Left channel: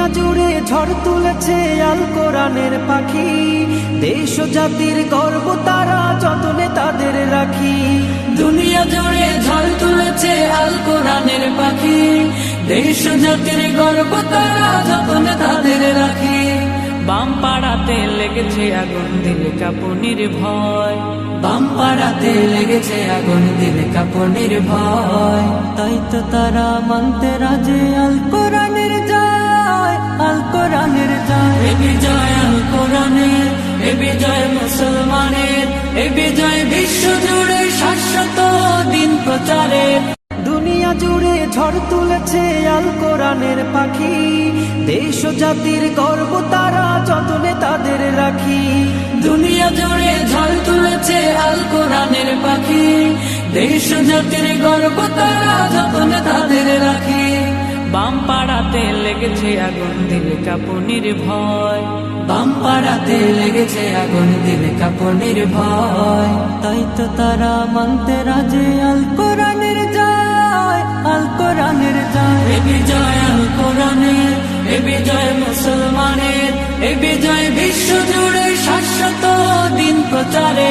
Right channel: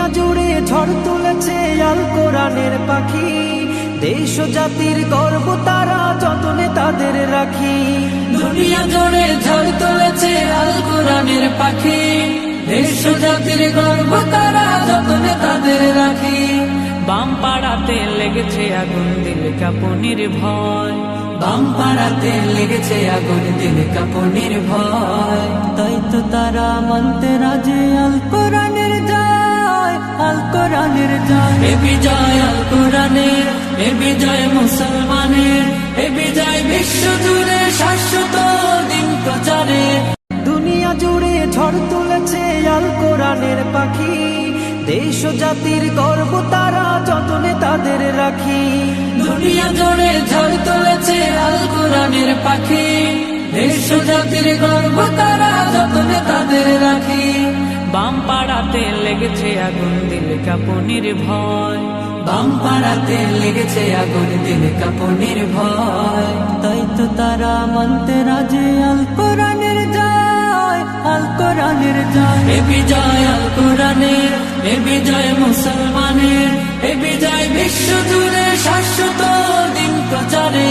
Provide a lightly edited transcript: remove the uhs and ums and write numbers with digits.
দুনিয়া জুড়ে ঝড় তুলেছে আল কোরআনের পাখি, দেশ ও জাতির গর্ব তারা যতনে তাদের রাখি। দুনিয়া জুড়ে ঝড় তুলেছে আল কোরআনের পাখি, দেশ ও জাতির গর্ব তারা যতনে তাদের রাখি। বাম পাড়াতে লেগেছে আগুন দিল কাঁপুনির ভয়, বাম পাড়াতে লেগেছে আগুন দিল কাঁপুনির ভয়। তাই তো তারা মানতে রাজি আল কোরআনের জয়, আল কোরআনের জয়। এ বিজয় আল কোরআনের, এ বিজয় মুসলমানের, এ বিজয় বিশ্ব জুড়ে শাশ্বত দিন প্রচারে। দুনিয়া জুড়ে ঝড় তুলেছে আল কোরআনের পাখি, দেশ ও জাতির গর্ব তারা যতনে তাদের রাখি। দুনিয়া জুড়ে ঝড় তুলেছে আল কোরআনের পাখি, দেশ ও জাতির গর্ব তারা যতনে তাদের রাখি। বাম পাড়াতে লেগেছে আগুন দিল কাঁপুনির ভয়, বাম পাড়াতে লেগেছে আগুন দিল কাঁপুনির ভয়। তাই তো তারা মানতে রাজি আল কোরআনের জয়, আল কোরআনের জয়। এ বিজয় আল কোরআনের, এ বিজয় মুসলমানের, এ বিজয় বিশ্ব জুড়ে শাশ্বত দিন প্রচারে।